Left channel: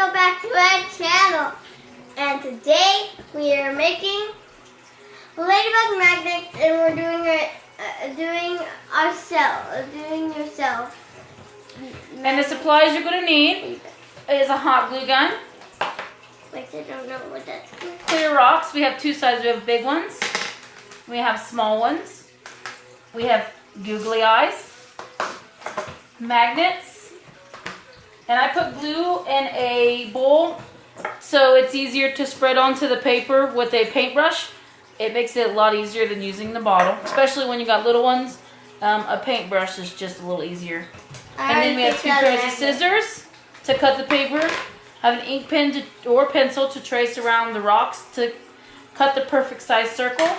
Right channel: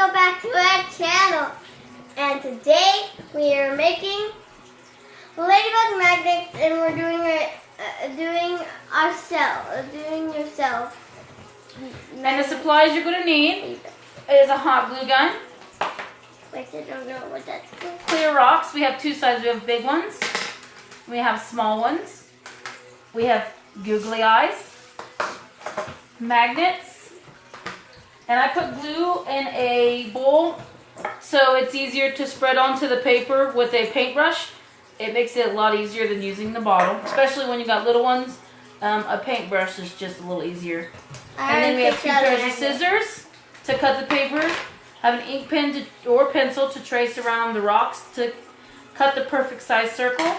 welcome back to our channel. And today we are making ladybug magnets, and we're doing it, yourself. And the supplies you're going to need is a hot glue gun, Wait, I don't know what that's called. clear rocks. We have two sizes. We have big ones. We have small ones. We have googly eyes, magnets, and I put glue in a bowl so it's easier to spread onto the paper with a paintbrush. It makes it a lot easier than using the bottle, especially when you got little ones. A paintbrush is just a little easier. And then we have two pairs of scissors to cut the paper. Have an ink pen or pencil to trace around the rocks to cut the perfect size circle.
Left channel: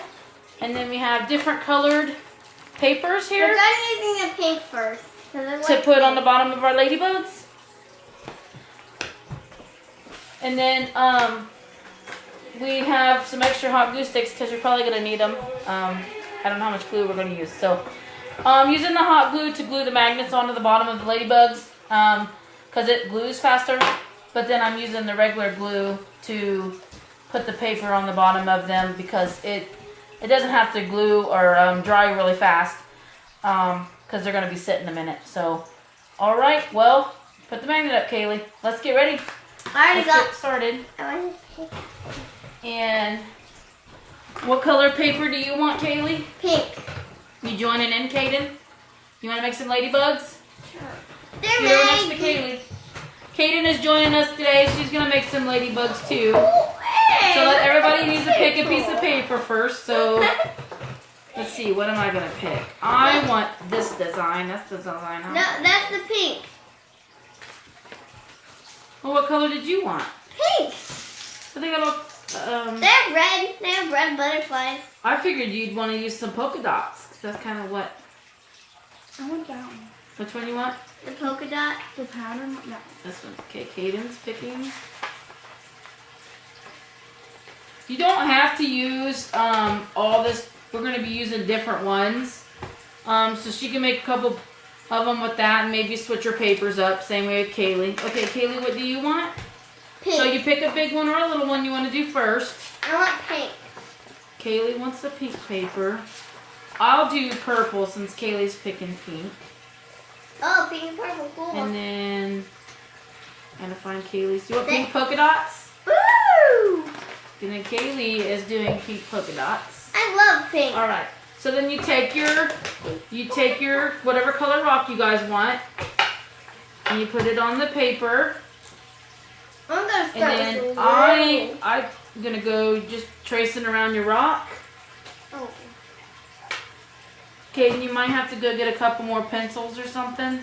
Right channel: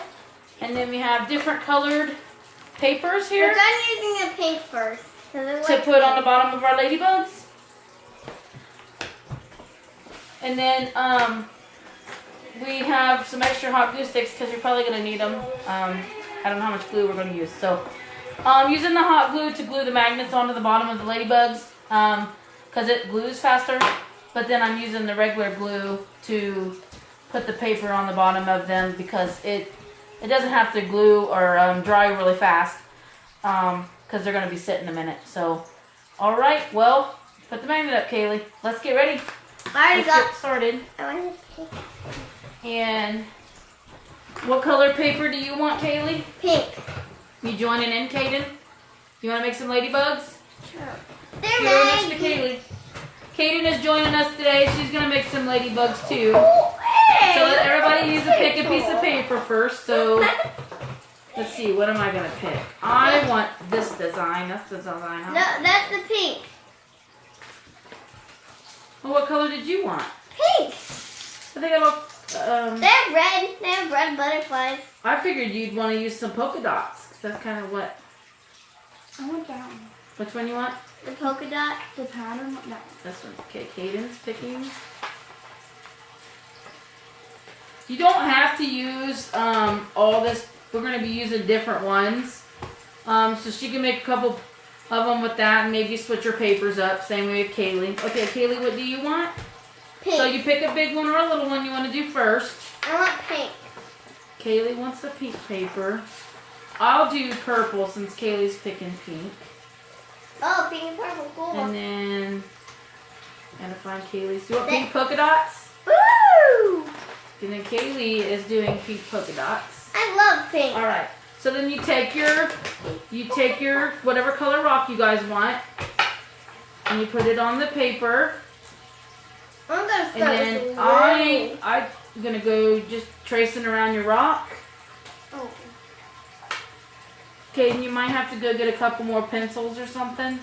And then we have different colored papers here We're done using the pink first. to put on the bottom of our ladybugs. And then we have some extra hot glue sticks because you're probably going to need them. I don't know how much glue we're going to use. So using the hot glue to glue the magnets onto the bottom of the ladybugs because it glues faster. But then I'm using the regular glue to put the paper on the bottom of them because it doesn't have to glue or dry really fast because they're going to be sitting a minute. So, all right, well, put the magnet up, Kaylee. Let's get ready. Let's get started. I want to pink. And what color paper do you want, Kaylee? Pink. You joining in, Kaden? You want to make some ladybugs? Sure. You're They're next to Kaylee. Kaden is joining us today. She's going to make some ladybugs too. Oh, hey, So look everybody at needs to pick a piece of paper first. So let's see, what am I going to pick? I want this design. That's the design. No, that's the pink. Well, what color did you want? Pink. Well, they got all, They're red. They have red butterflies. I figured you'd want to use some polka dots. 'Cause that's kind of what. I want that one. Which one you want? The polka dot. The pattern? No. This one. Okay, Caden's picking. You don't have to use all this. We're going to be using different ones. So she can make a couple of them with that and maybe switch her papers up. Same way with Kaylee. Okay, Kaylee, what do you want? Pink. So you pick a big one or a little one you want to do first. I want pink. Kaylee wants the pink paper. I'll do purple since Kaylee's picking pink. Oh, pink and purple. Cool. And then I'm going to find Kaylee's. Do you want pink polka dots? Woo! And then Kaylee is doing pink polka dots. I love pink. All right. So then you take your whatever color rock you guys want, and you put it on the paper. I'm gonna And start then with I'm gonna go just tracing around your rock. Oh. Okay, and you might have to go get a couple more pencils or something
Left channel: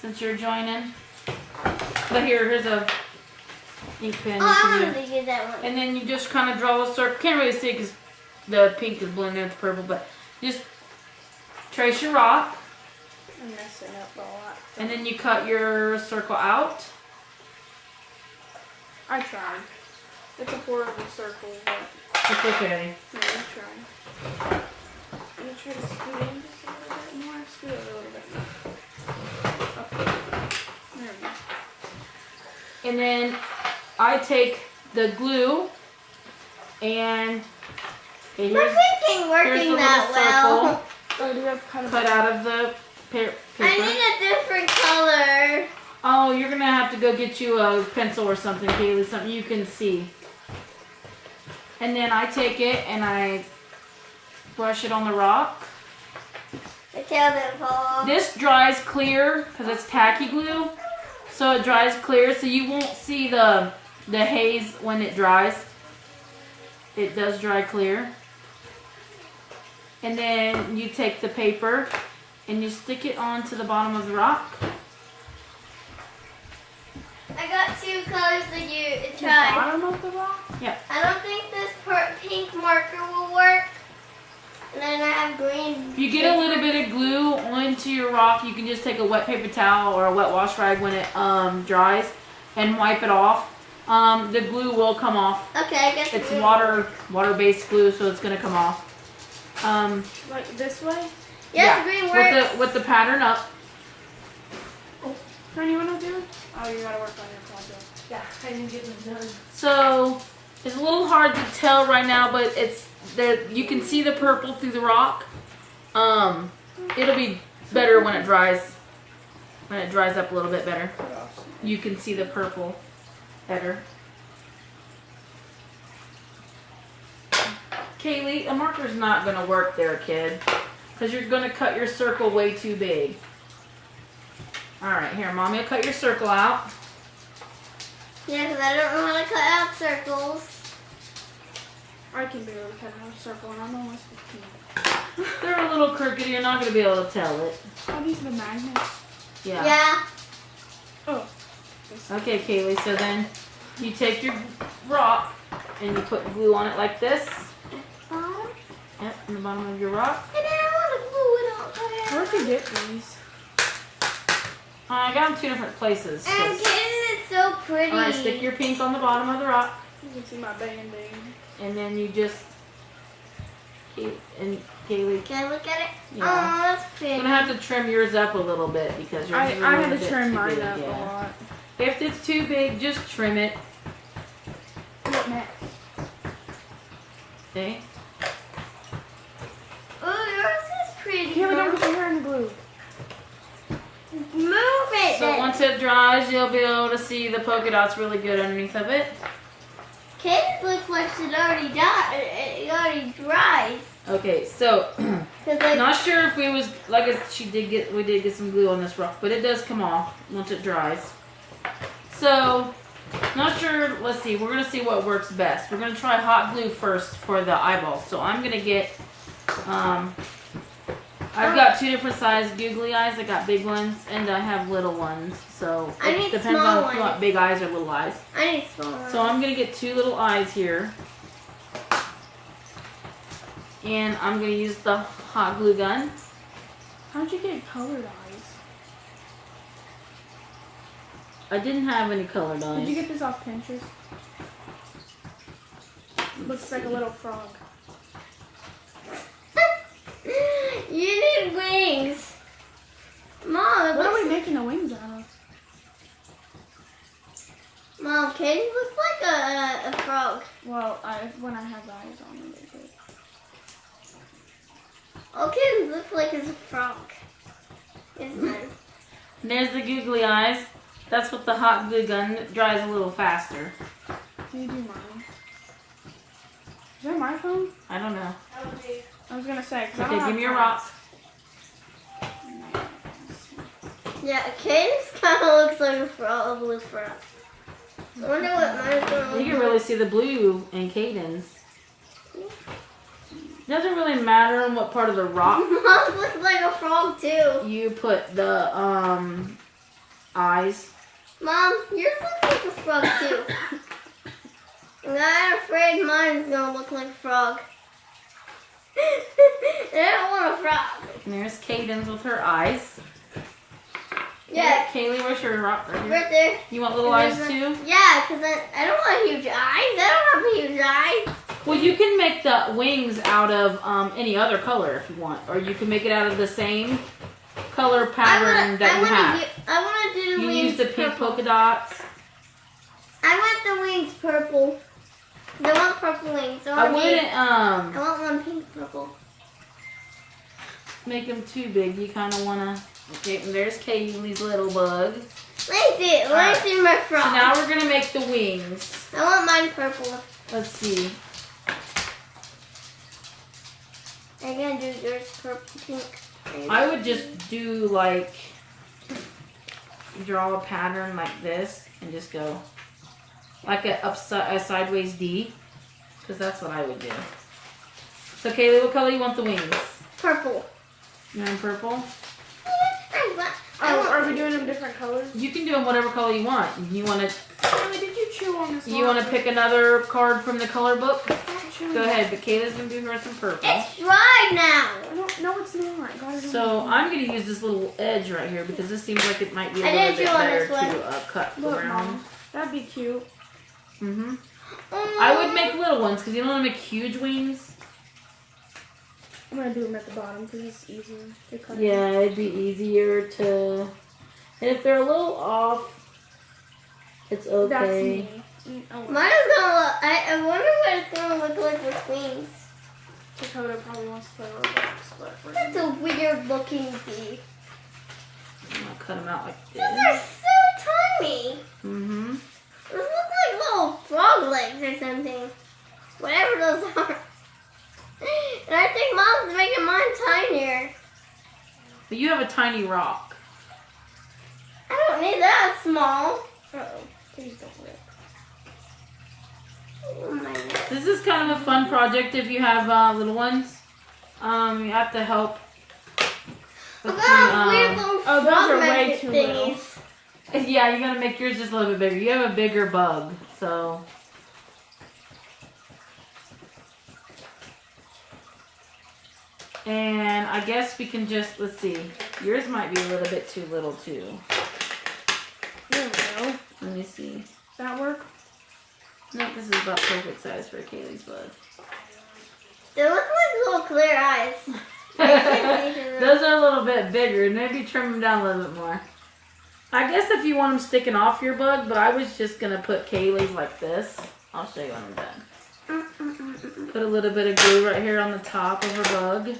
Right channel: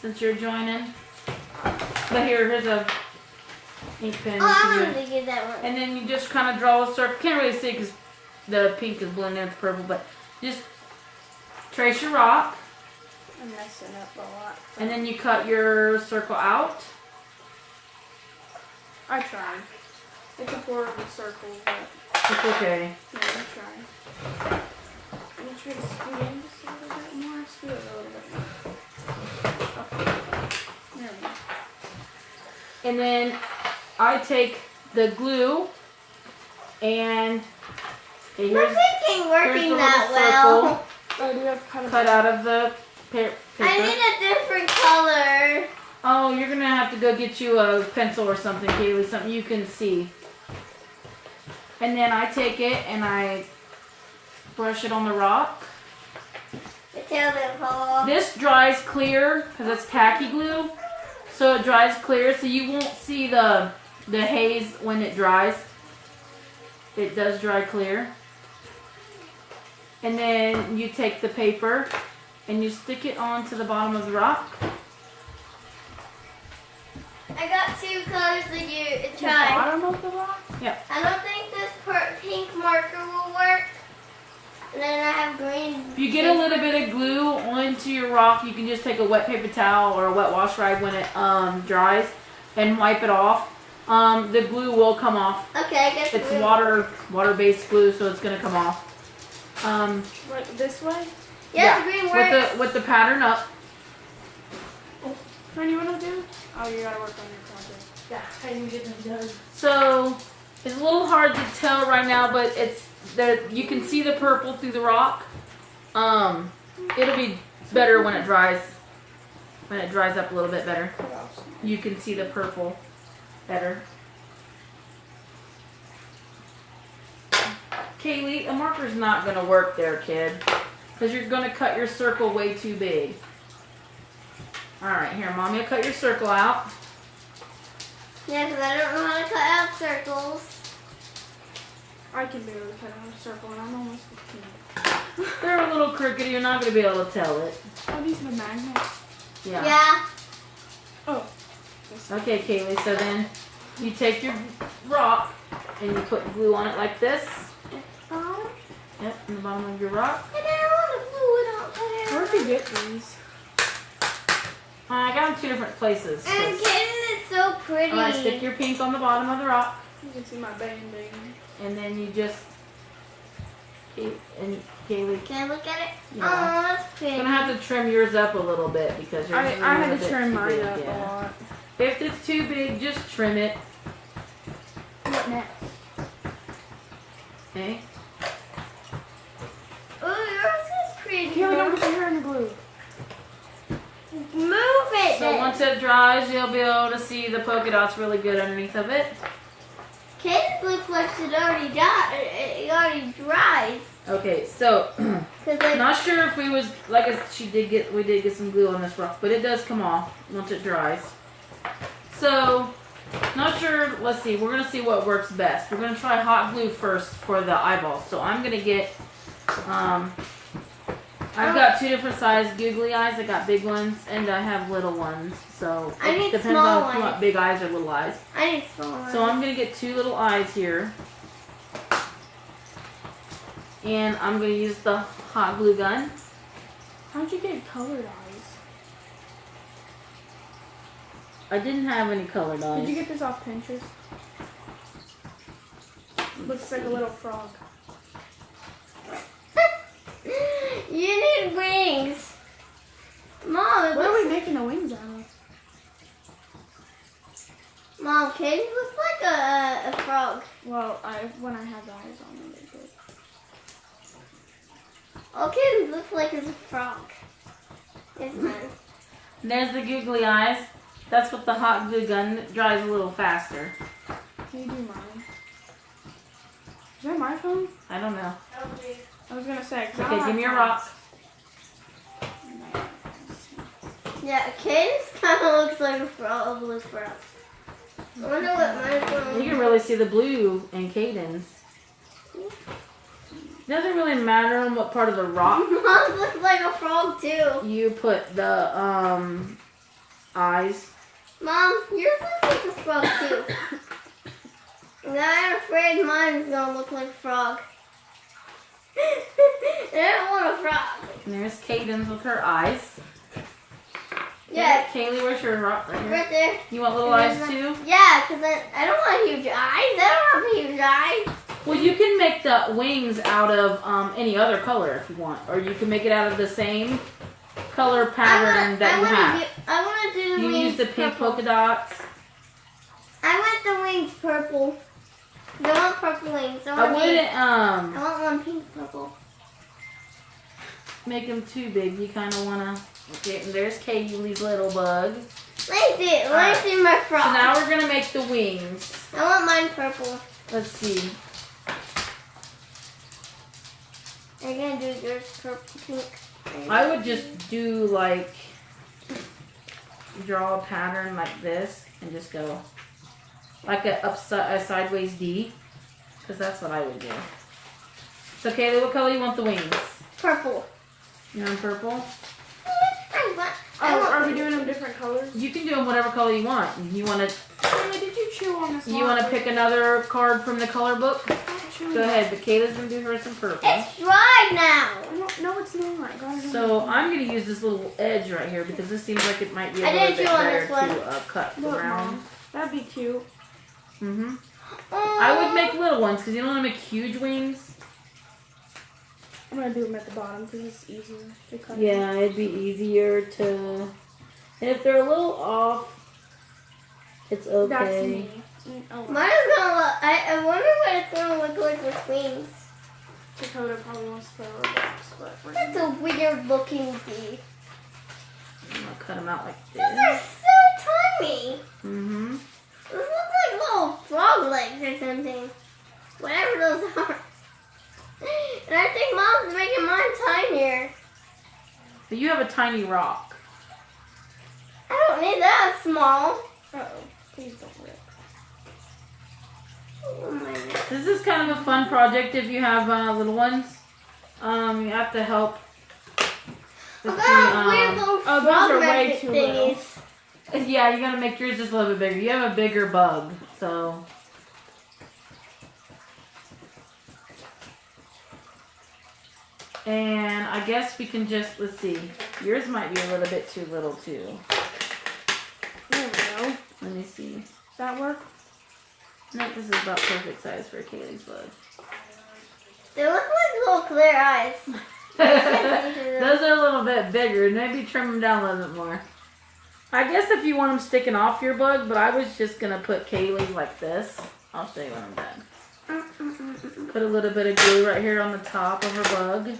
since you're joining. But here's a ink pen. Oh, you I can wanted do. to use that one. And then you just kind of draw a circle. Can't really see because the pink is blending with the purple, but just trace your rock. I'm messing up a lot. And then you cut your circle out. I tried. It's a horrible circle, but It's okay. yeah, I tried. I'm gonna try to scoot in just a little bit more. Scoot it a little bit more. Okay. There we go. And then I take the glue and okay, My here's, pink ain't here's working the that little well. circle Oh, do you have kind of cut out of the paper. I need a different color. Oh, you're gonna have to go get you a pencil or something, Kaylee, something you can see. And then I take it and I brush it on the rock. The tail didn't fall off. This dries clear because it's tacky glue, so it dries clear, so you won't see the haze when it dries. It does dry clear. And then you take the paper and you stick it onto the bottom of the rock. I got two colors that you the tried. bottom of the rock? I don't think this pink marker will work. And then I have green. If you get a little bit of glue onto your rock, you can just take a wet paper towel or a wet wash rag when it dries and wipe it off. The glue will come off. Okay, I guess It's we're- water-based glue, so it's gonna come off. Right this way? Yes, green works. With the pattern up. Tony, you wanna do? Oh, you gotta work on your project. Yeah, I didn't get them done. So it's a little hard to tell right now, but it's there. You can see the purple through the rock. It'll be better when it dries. When it dries up a little bit better, you can see the purple better. Kaylee, a marker's not gonna work there, kid, because you're gonna cut your circle way too big. All right, here, Mommy will cut your circle out. Yeah, because I don't know how to cut out circles. I can barely cut out a circle and I'm almost 15. They're a little crooked. You're not gonna be able to tell it. Oh, these are the magnets. Yeah. Yeah. Oh. Okay, Kaylee. So then you take your rock and you put glue on it like this. Yep, in the bottom of your rock. And then I want to glue it up there. Where'd you get these? I got them 2 different places. And Kaden is so pretty. Alright, stick your pink on the bottom of the rock. You can see my band-aid. And then you just keep, and Kaylee, Can I look at it? Yeah. Oh, that's pretty. you're gonna have to trim yours up a little bit because yours I is a had little to bit trim too mine big, up a yeah. lot. If it's too big, just trim it. What next? Okay. Oh, yours is pretty. Here, don't put your hair in the glue. Move it So then. once it dries, you'll be able to see the polka dots really good underneath of it. Kaden's looks like it already got it already dries. Okay, so Cause like not sure if we was we did get some glue on this rock, but it does come off once it dries. So not sure. Let's see. We're gonna see what works best. We're gonna try hot glue first for the eyeballs. So I'm gonna get. I've got 2 different size googly eyes. I got big ones and I have little ones. So I it need depends small on if you want ones. big eyes or little eyes. I need smaller. So I'm gonna get 2 little eyes here. And I'm going to use the hot glue gun. How'd you get colored eyes? I didn't have any colored eyes. Did you get this off Pinterest? Looks like a little frog. You need wings. Mom, it What are looks, we making the wings out of? Mom, Kaden looks like a frog. Well, when I have the eyes on them, they good. Oh, Kaden looks like it's a frog. Isn't it? There's the googly eyes. That's with the hot glue gun. It dries a little faster. Can you do mine? Is that my phone? I don't know. I was gonna say, 'cause I Okay, don't give me have your phones. rock. Yeah, Kaden's kind of looks like a frog, a blue frog. I wonder what mine's going to You can really see the blue in Caden's. Doesn't really matter on what part of the rock Mine looks like a frog too. you put the eyes. Mom, yours looks like a frog too. And I'm afraid mine's gonna look like a frog. I don't want a frog. And there's Caden's with her eyes. Yeah, Kaylee, where's your rock right here? right there. You want little And eyes there's too? one- Yeah, because I don't want huge eyes. I don't have huge eyes. Well, you can make the wings out of any other color if you want. Or you can make it out of the same color pattern that you have. I want to do You wings use the pink purple. polka dots. I want the wings purple. 'Cause I want purple wings. I I want wouldn't I want one pink purple. make them too big. You kind of want to... Okay, and there's Kaylee's little bug. Let me see it. Let me see my frog. So now we're going to make the wings. I want mine purple. Let's see. I'm gonna do yours purple, pink. I would just do like... Draw a pattern like this and just go... Like a sideways D. Because that's what I would do. So Kaylee, what color you want the wings? Purple. You want purple? I want Are we doing them different colors? You can do them whatever color you want. You want to... Wait, did you chew on this? You want to pick another card from the color book? Go ahead, but Kayla's going to do hers in purple. It's dry now. No, it's not. God, I don't So know. I'm going to use this little edge right here because this seems like it might be a I little didn't bit chew on better this one. to cut Look, around. Mom, that'd be cute. Mm-hmm. I would make little ones because you don't want to make huge wings. I'm gonna do them at the bottom because it's easier to cut. Yeah, it'd be easier to And if they're a little off, it's That's okay. me. Oh, Mine is gonna look. I wonder what it's gonna look like with wings. Dakota probably wants to play Roblox, but we're That's a weird looking bee. I'm gonna cut them out like These are this. so tiny. Mm-hmm. Those look like little frog legs or something. Whatever those are. And I think Mom's making mine tinier. But you have a tiny rock. I don't need that small. Uh-oh. Please don't rip. Oh my God. This is kind of a fun project if you have little ones. You have to help with About weird the, little oh, those frog are way magnet too little. thingies. yeah, you gotta make yours just a little bit bigger. You have a bigger bug, so. And I guess we can just, let's see. Yours might be a little bit too little too. There we go. Let me see. Does that work? No, this is about perfect size for Kaylee's bug. They look like little clear eyes. Those are a little bit bigger. Maybe trim them down a little bit more. I guess if you want them sticking off your bug, but I was just going to put Kaylee's like this. I'll show you when I'm done. Put a little bit of glue right here on the top of her bug.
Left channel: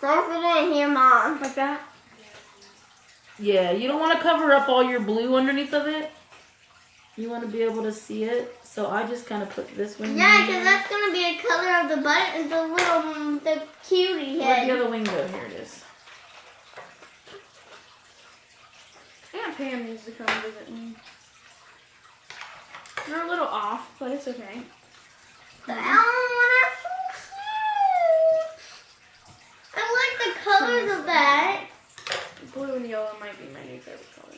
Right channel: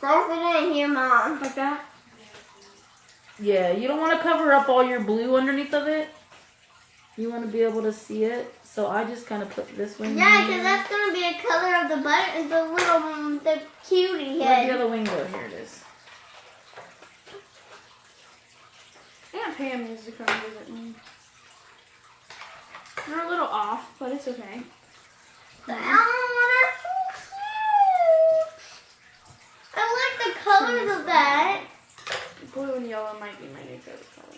So put it in here, Mom. Like that? Yeah, you don't want to cover up all your blue underneath of it. You want to be able to see it. So I just kind of put this one Yeah, here. because that's going to be a color of the button, the little, the cutie Where'd the head. other wing go? Here it is. Aunt Pam needs to come visit me. They're a little off, but it's okay. The Elmo are so cute. I like the colors of that. Blue and yellow might be my new favorite colors.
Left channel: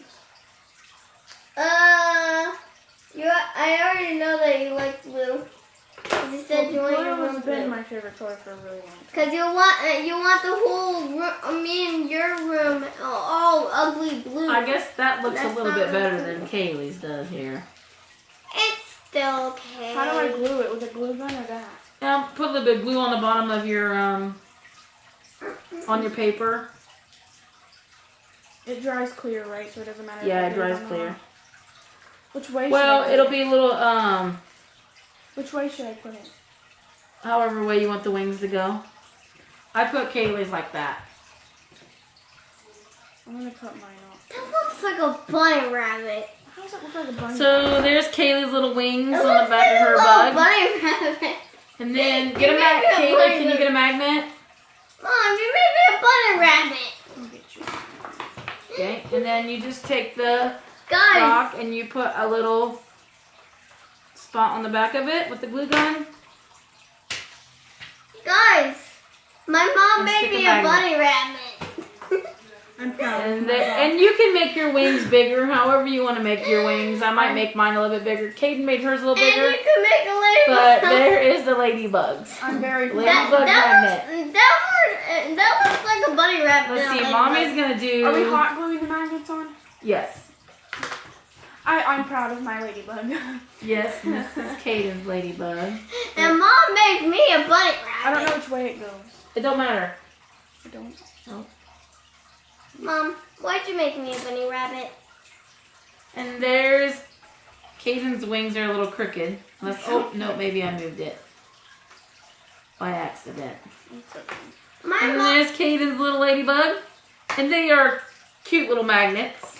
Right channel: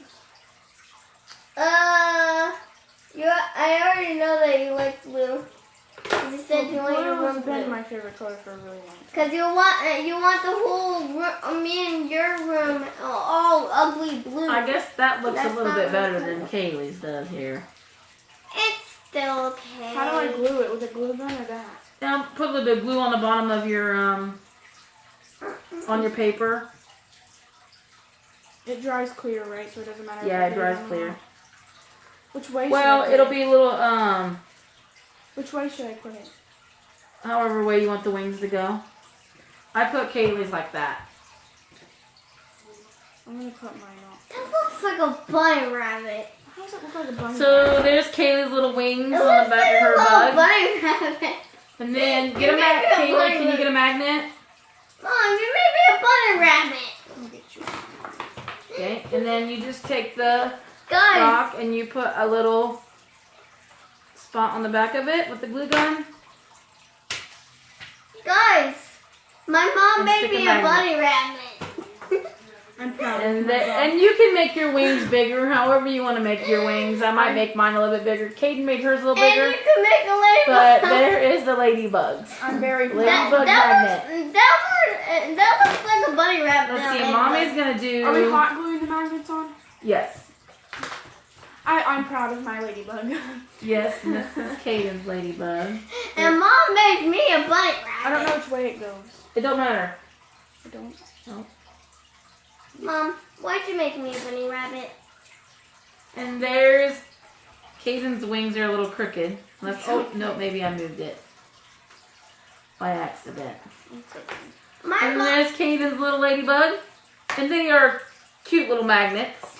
I already know that you like blue. 'Cause you said you want your Blue room has been blue. my favorite color for a really long time. Because you want the whole room, me and your room all ugly blue. I guess that looks That's a little not bit better really than Kaylee's does here. It's still okay. How do I glue it? With a glue gun or that? Now put a little bit of glue on the bottom of your on your paper. It dries clear, right? So it doesn't matter. Yeah, if it glue dries or clear. not. Which way? Well, should I it'll put be it? a little Which way should I put it? however way you want the wings to go. I put Kaylee's like that. I'm gonna cut mine off. That looks like a bunny rabbit. How does it look like a bunny? So there's Kaylee's little wings It on looks the back like of her a little bug. bunny rabbit. And then get a You magnet. made a Kaylee, bunny can you get a magnet? Mom, you made me a bunny rabbit. I'll get you. Okay. And then you just take the Guys, rock and you put a little spot on the back of it with the glue gun. guys, my mom And made stick me a a magnet. bunny rabbit. I'm proud of And, myself. and you can make your wings bigger, however you want to make your wings. I might make mine a little bit bigger. Caden made hers a little And bigger. you can make a But ladybug. there is the ladybugs. I'm very Ladybug proud. magnet. That looks like a bunny rabbit. Let's not see, a mommy's ladybug. gonna do. Are we hot gluing the magnets on? Yes. I'm proud of my ladybug. Yes, and this is Caden's ladybug. And mom made me a bunny rabbit. I don't know which way it goes. It don't matter. I don't. Mom, why'd you make me a bunny rabbit? And there's Caden's wings are a little crooked. Oh no, maybe I moved it by accident. My And mom. there's Caden's little ladybug, and they are cute little magnets.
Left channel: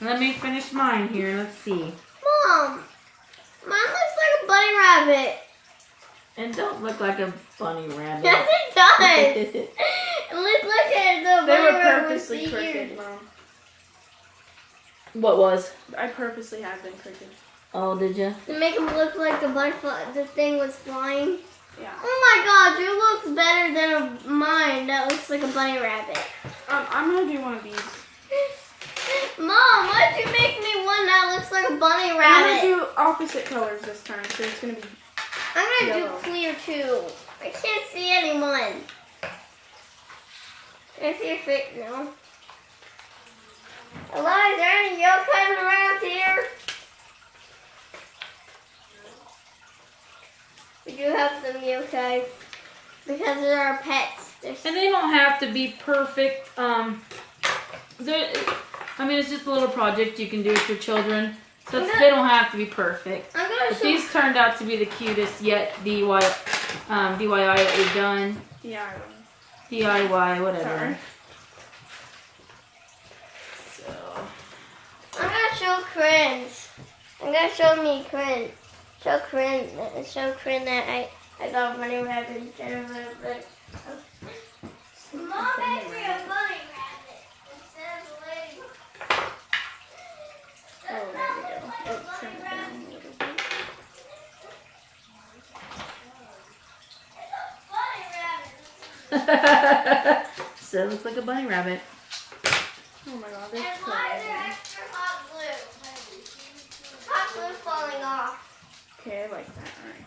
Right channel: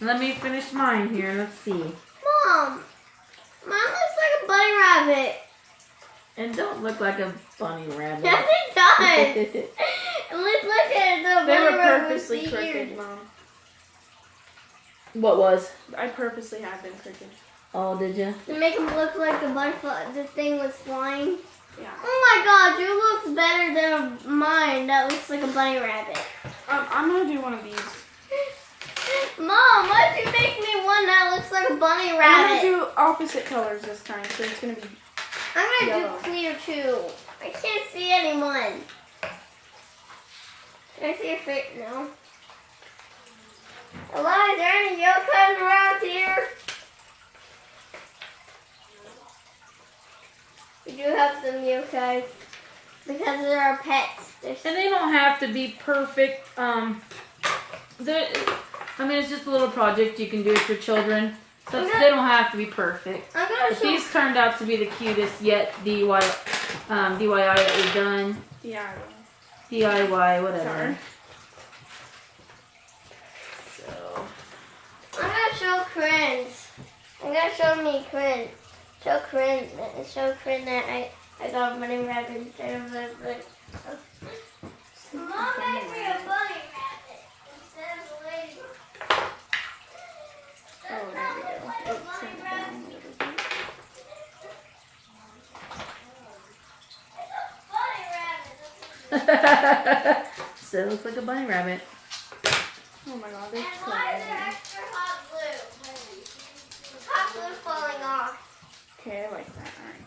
Let me finish mine here. Let's see. Mom, mine looks like a bunny rabbit. And don't look like a bunny rabbit. Yes, it does. Let's look at the They bunny were rabbit purposely with the crooked, ears. Mom. What was? I purposely have them crooked. Oh, did you? To make them look like the thing was flying. Yeah. Oh my god, yours looks better than mine. That looks like a bunny rabbit. I'm gonna do one of these. Mom, why'd you make me one that looks like a bunny I'm rabbit? gonna do opposite colors this time, so it's gonna be. I'm gonna yellow. do clear too. I can't see anyone. Can I see your face? No. Hello, is there any yokai around here? We do have some yokais because they're our pets. And they don't have to be perfect. I mean, it's just a little project you can do with your children. But they don't have to be perfect. I'm gonna But show. these turned out to be the cutest yet DIY that we've done. DIY, whatever. Sorry. So, I'm gonna show Corinne's. I'm gonna show me Corinne. Show Corinne that I got bunny rabbit instead of a. Mom made me a bunny rabbit instead of a ladybug. Oh, there we go. Oh, turn it down a little bit. It's a bunny rabbit. so it looks like a bunny rabbit. Oh my god, And that's so why is there amazing. extra hot glue? Hot glue falling off. Okay, I like that. Alright.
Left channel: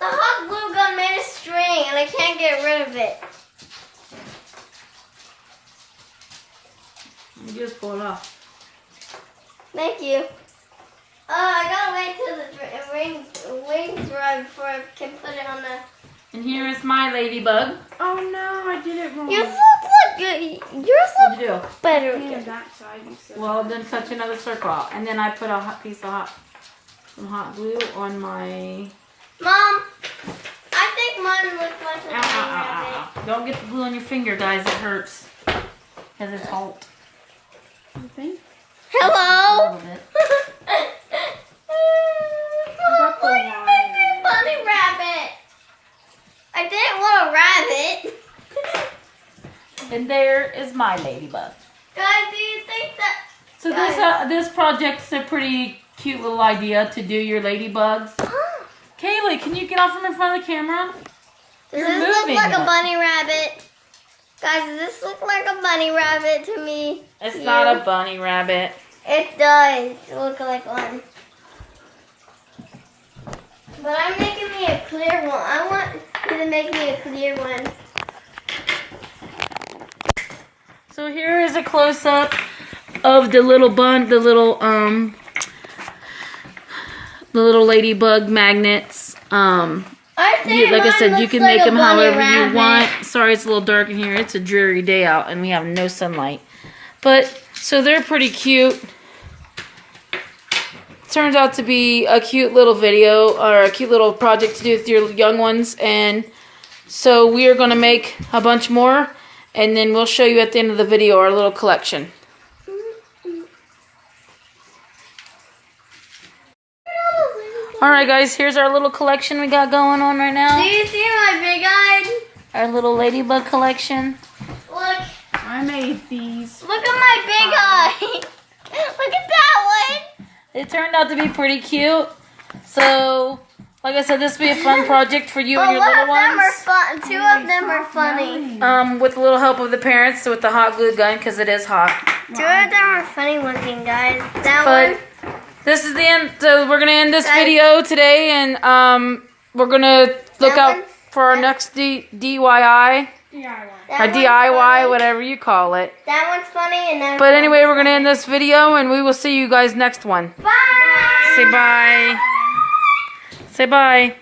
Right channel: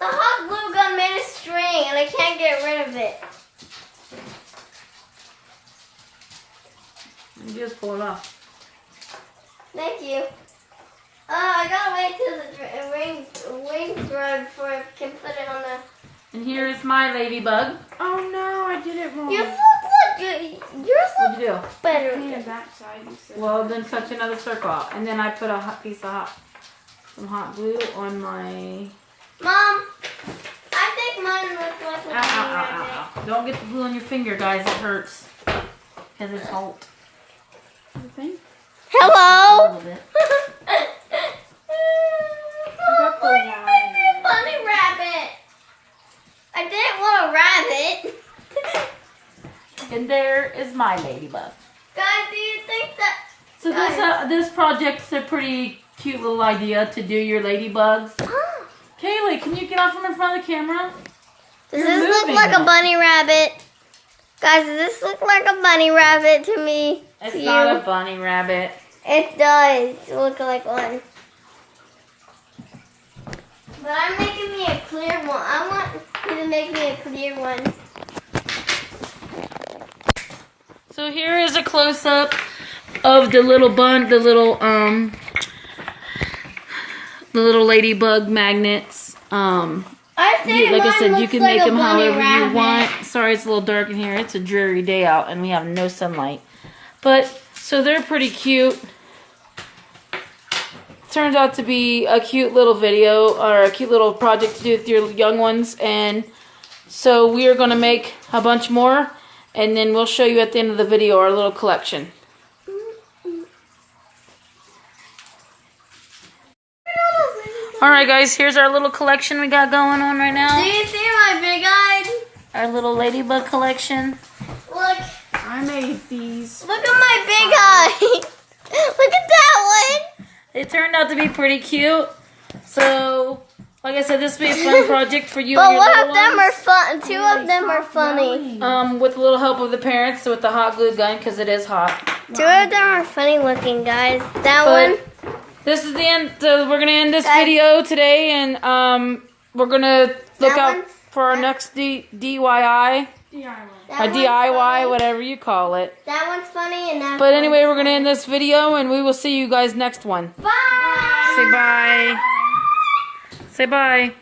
The hot glue gun made a string and I can't get rid of it. You just pull it off. Thank you. I gotta wait till the wings dry before I can put it on the. And here is my ladybug. Oh no, I did it wrong. Yours looks like yours What'd you do? looks better. painted that side. You said. Well, then touch another circle. And then I put a hot piece of some hot glue on my... Mom, I think mine looks like a Ow, ow, bunny ow, rabbit. ow, ow. Don't get the glue on your finger, guys. It hurts. Because it's hot. You think? A Hello. little bit. I got the line. Bunny rabbit. I didn't want a rabbit. And there is my ladybug. Guys, do you think that? So this project's a pretty cute little idea to do your ladybugs. Kaylee, can you get off from in front of the camera? Does You're this look moving like a it. bunny rabbit? Guys, does this look like a bunny rabbit to me? It's You? not a bunny rabbit. It does look like one. But I'm making me a clear one. I want you to make me a clear one. So here is a close-up of the little little ladybug magnets. I say Like I mine said, you looks can like make a them bunny however rabbit. you want. Sorry, it's a little dark in here. It's a dreary day out, and we have no sunlight. But so they're pretty cute. Turns out to be a cute little video or a cute little project to do with your young ones, and so we are going to make a bunch more, and then we'll show you at the end of the video our little collection. Alright guys, here's our little collection we got going on right Do now. you see my big eye? Our little ladybug collection. Look. I made these. Look at my big eye. Look at that one. It turned out to be pretty cute. So, like I said, this will be a fun project for you and But your one little of them are ones. fun. Two of them are funny. With a little help of the parents with the hot glue gun because it is hot. Two of them are funny looking, guys. That But one. this is the end. So we're gonna end this video today, and we're gonna look That out one's- for our next DIY DIY. That or one's DIY, funny. whatever you call it. That one's funny and that. But anyway, we're gonna end this video, and we will see you guys next one. Bye. Say bye. Say bye.